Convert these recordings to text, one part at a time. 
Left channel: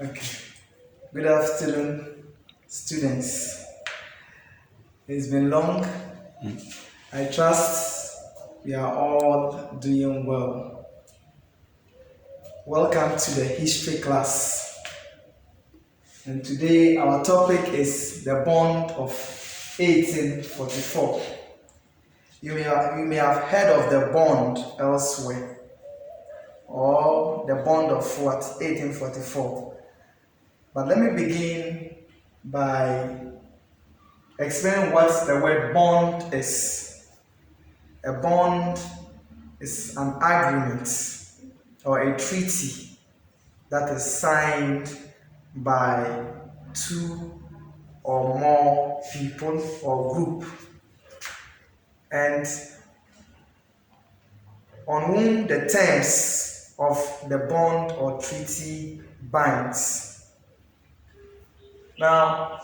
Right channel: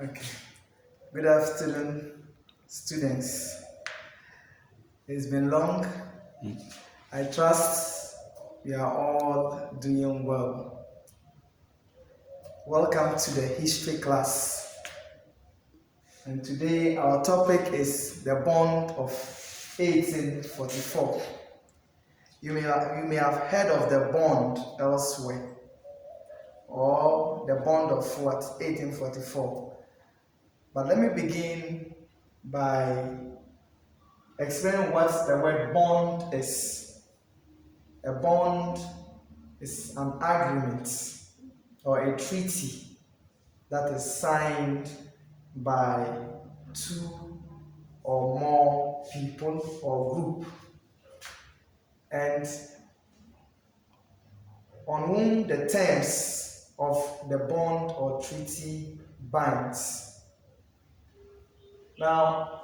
Okay. Good afternoon, students. It's been long. I trust we are all doing well. Welcome to the history class. And today our topic is the bond of 1844. You may have heard of the bond elsewhere, or the bond of what? 1844. But let me begin by explaining what the word bond is. A bond is an agreement or a treaty that is signed by two or more people or group, and on whom the terms of the bond or treaty binds. Now,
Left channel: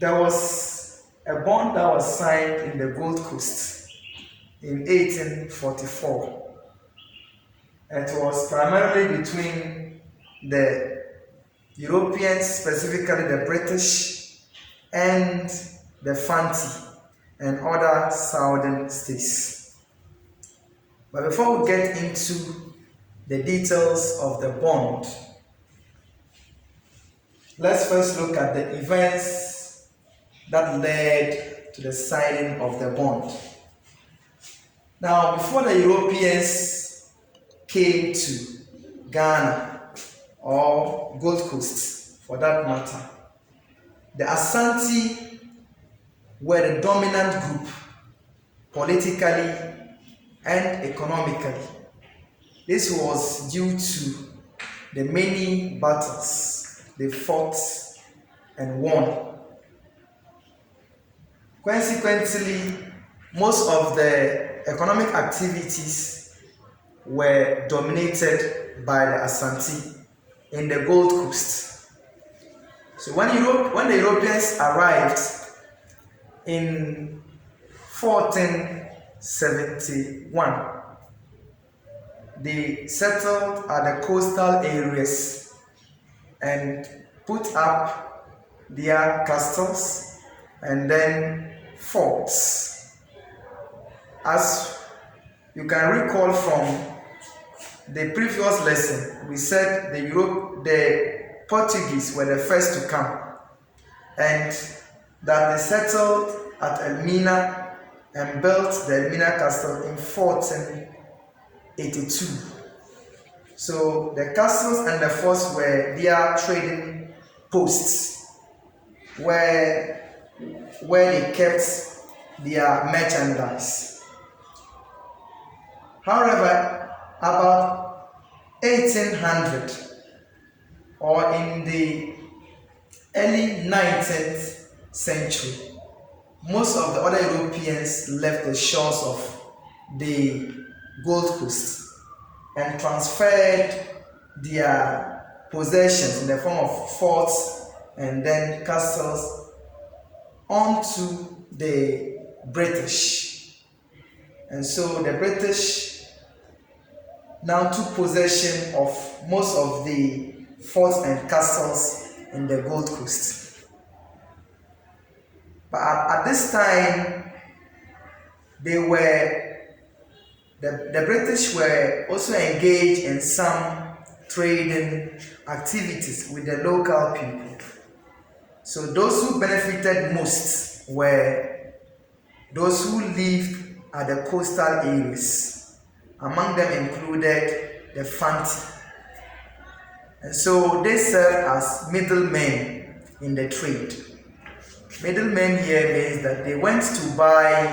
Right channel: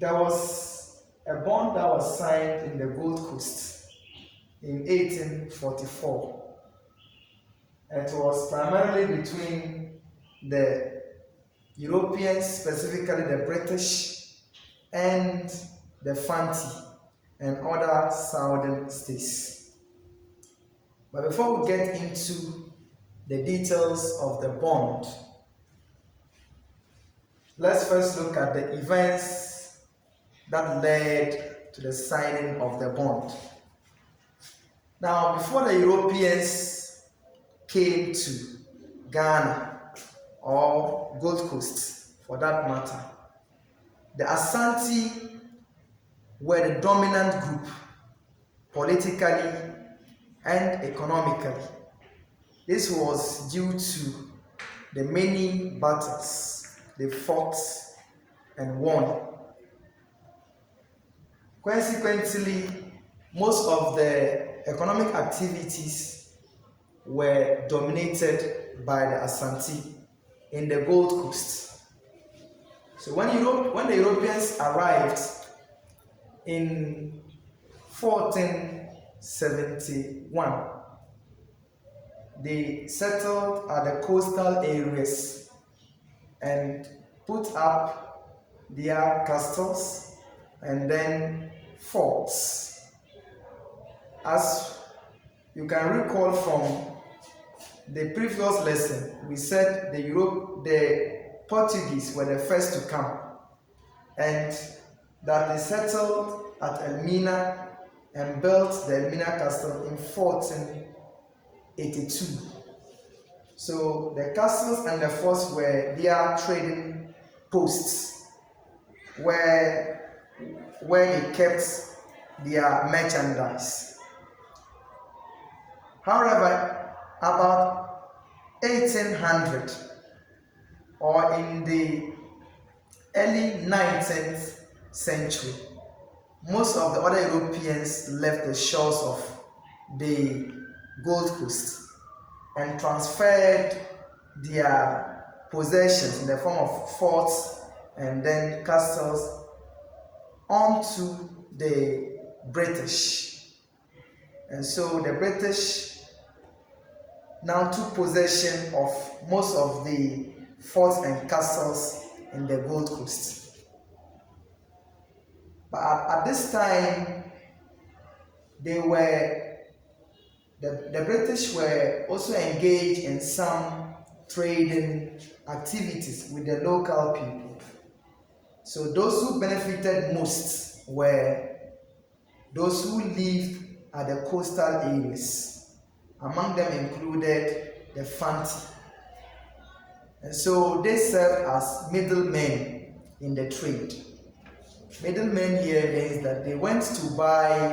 there was a bond that was signed in the Gold Coast in 1844. It was primarily between the Europeans, specifically the British, and the Fanti and other southern states. But before we get into the details of the bond, let's first look at the events that led to the signing of the bond. Now, before the Europeans came to Ghana or Gold Coast for that matter, the Asante were the dominant group politically and economically. This was due to the many battles they fought and won. Consequently, most of the economic activities were dominated by the Asante in the Gold Coast. So when the Europeans arrived in 1471, they settled at the coastal areas and put up their castles and then forts. As you can recall from the previous lesson, we said the Portuguese were the first to come, and that they settled at Elmina and built the Elmina Castle in 1482. So the castles and the forts were their trading posts where they kept their merchandise. However, about 1800 or in the early 19th century, most of the other Europeans left the shores of the Gold Coast and transferred their possessions in the form of forts and then castles onto the British. And so the British now took possession of most of the forts and castles in the Gold Coast. But at this time, the British were also engaged in some trading activities with the local people. So those who benefited most were those who lived at the coastal areas. Among them included the Fanti. And so they served as middlemen in the trade. Middlemen here means that they went to buy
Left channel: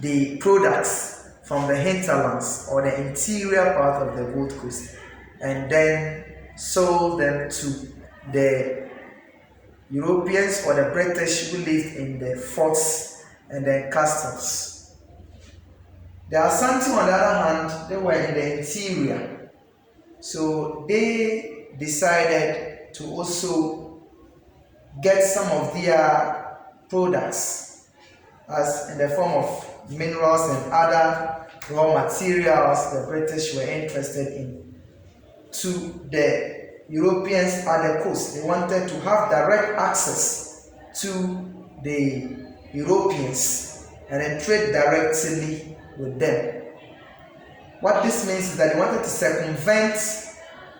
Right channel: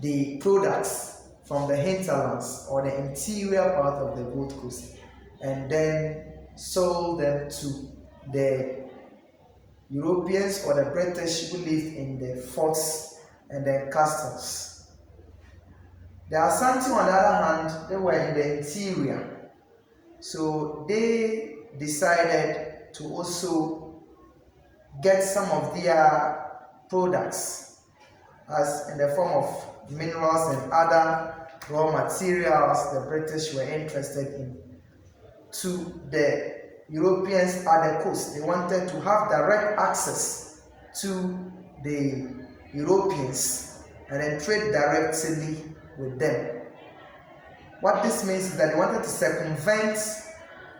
the products from the hinterlands or the interior part of the Gold Coast and then sold them to the Europeans or the British who lived in the forts and the castles. The Asante, on the other hand, they were in the interior. So they decided to also get some of their products as in the form of minerals and other raw materials the British were interested in. to the Europeans at the coast. They wanted to have direct access to the Europeans and then trade directly with them. What this means is that they wanted to circumvent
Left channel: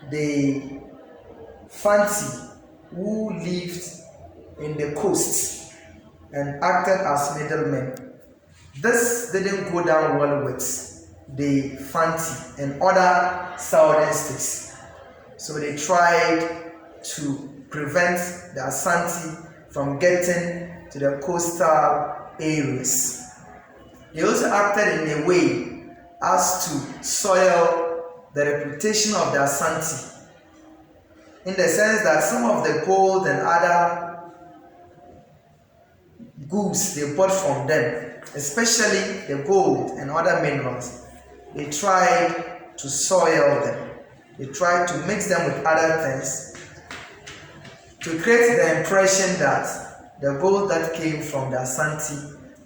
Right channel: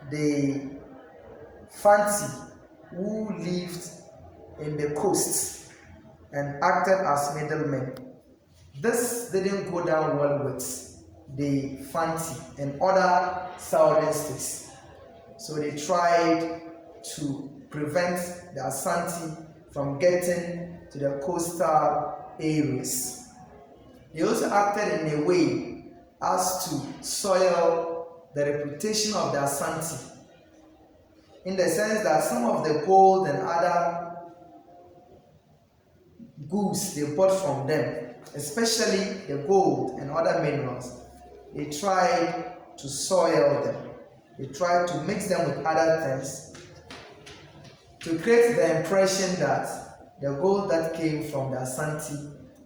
the Fanti who lived in the coast and acted as middlemen. This didn't go down well with the Fanti and other southern states. So they tried to prevent the Asante from getting to the coastal areas. They also acted in a way as to soil the reputation of the Asante, in the sense that some of the gold and other goods they bought from them, especially the gold and other minerals, they tried to soil them. They tried to mix them with other things to create the impression that the gold that came from the Asante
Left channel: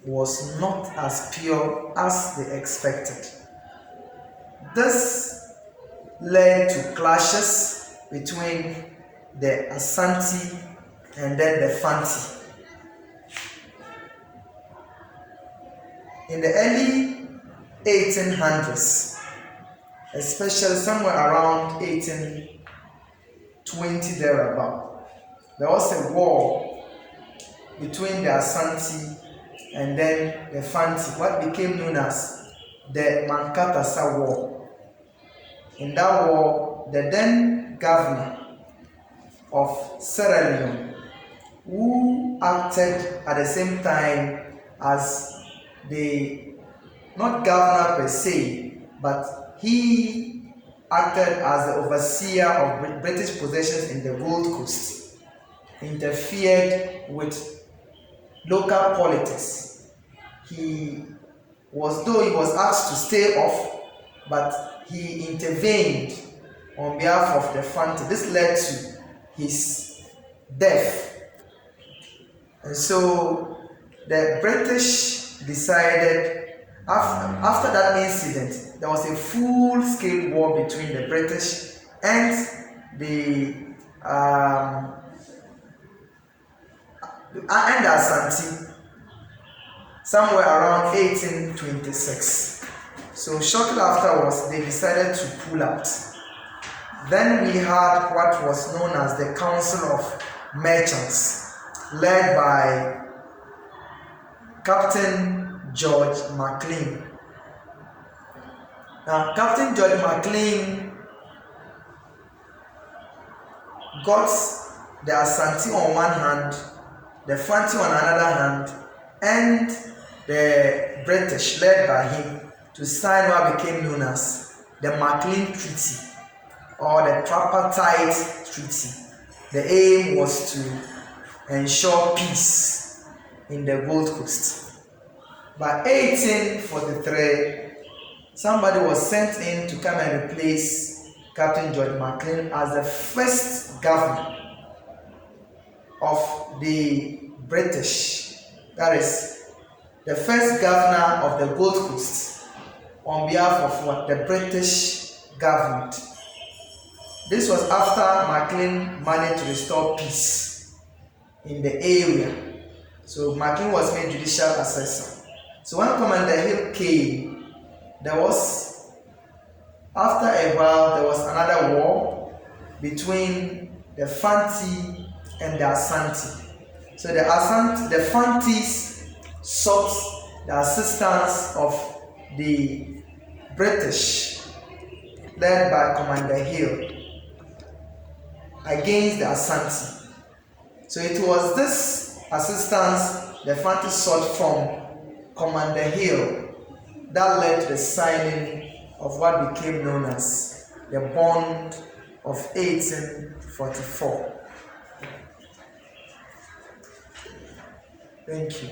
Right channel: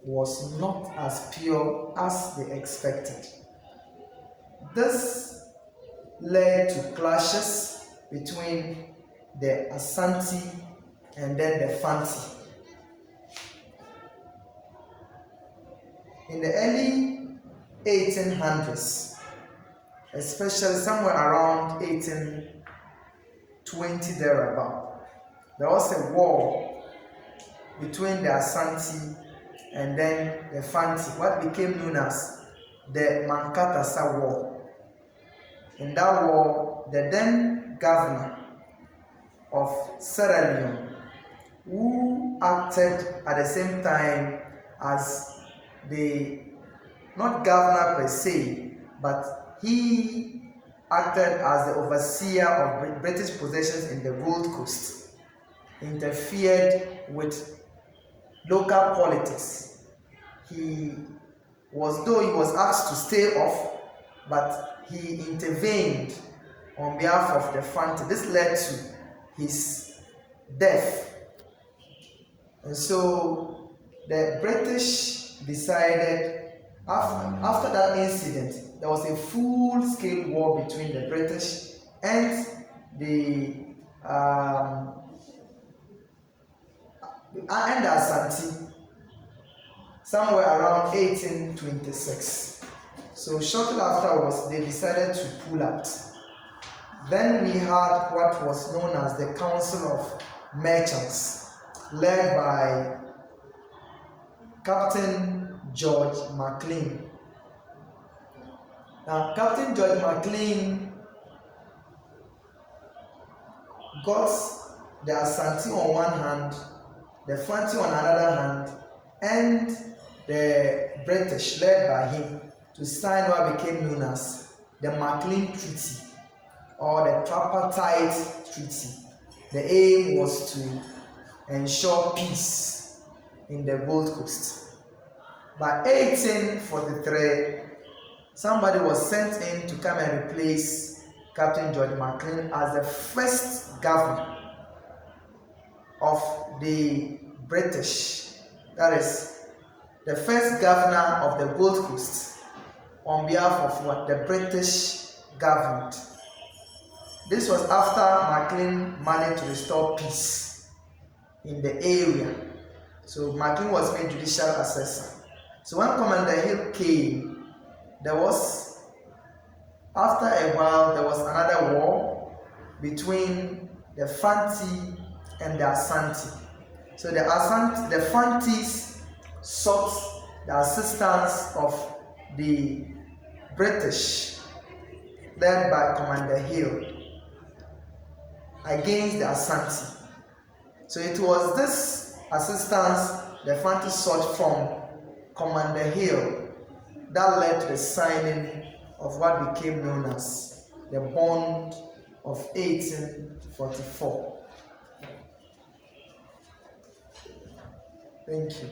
was not as pure as they expected. This led to clashes between the Asante and then the Fanti. In the early 1800s, especially somewhere around 1820 thereabout, there was a war between the Asante and then the Fanti, what became known as the Mankatasa War. In that war, the then governor of Sierra Leone, who acted at the same time as the, not governor per se, but he acted as the overseer of British possessions in the Gold Coast, interfered with local politics. Though he was asked to stay off, but he intervened on behalf of the Fanti. This led to his death. And so the British decided, after that incident, there was a full-scale war between the British and the Asante, somewhere around 1826. So shortly afterwards, they decided to pull out. Then we had what was known as the Council of Merchants, led by Captain George Mclean. Now, Captain George Mclean got the Asante on one hand, the Fanti on another hand, and the British, led by him, to sign what became known as the Mclean Treaty or the Tripartite Treaty. The aim was to ensure peace in the Gold Coast. By 1843, somebody was sent in to come and replace Captain George Mclean as the first governor of the British. That is, the first governor of the Gold Coast on behalf of what? The British government. This was after Mclean managed to restore peace in the area. So Mclean was made judicial assessor. So when Commander Hill came, after a while, there was another war between the Fanti and the Asante. So the Fantis sought the assistance of the British, led by Commander Hill, against the Asante. So it was this assistance the Fanti sought from Commander Hill that led to the signing of what became known as the Bond of 1844. Thank you.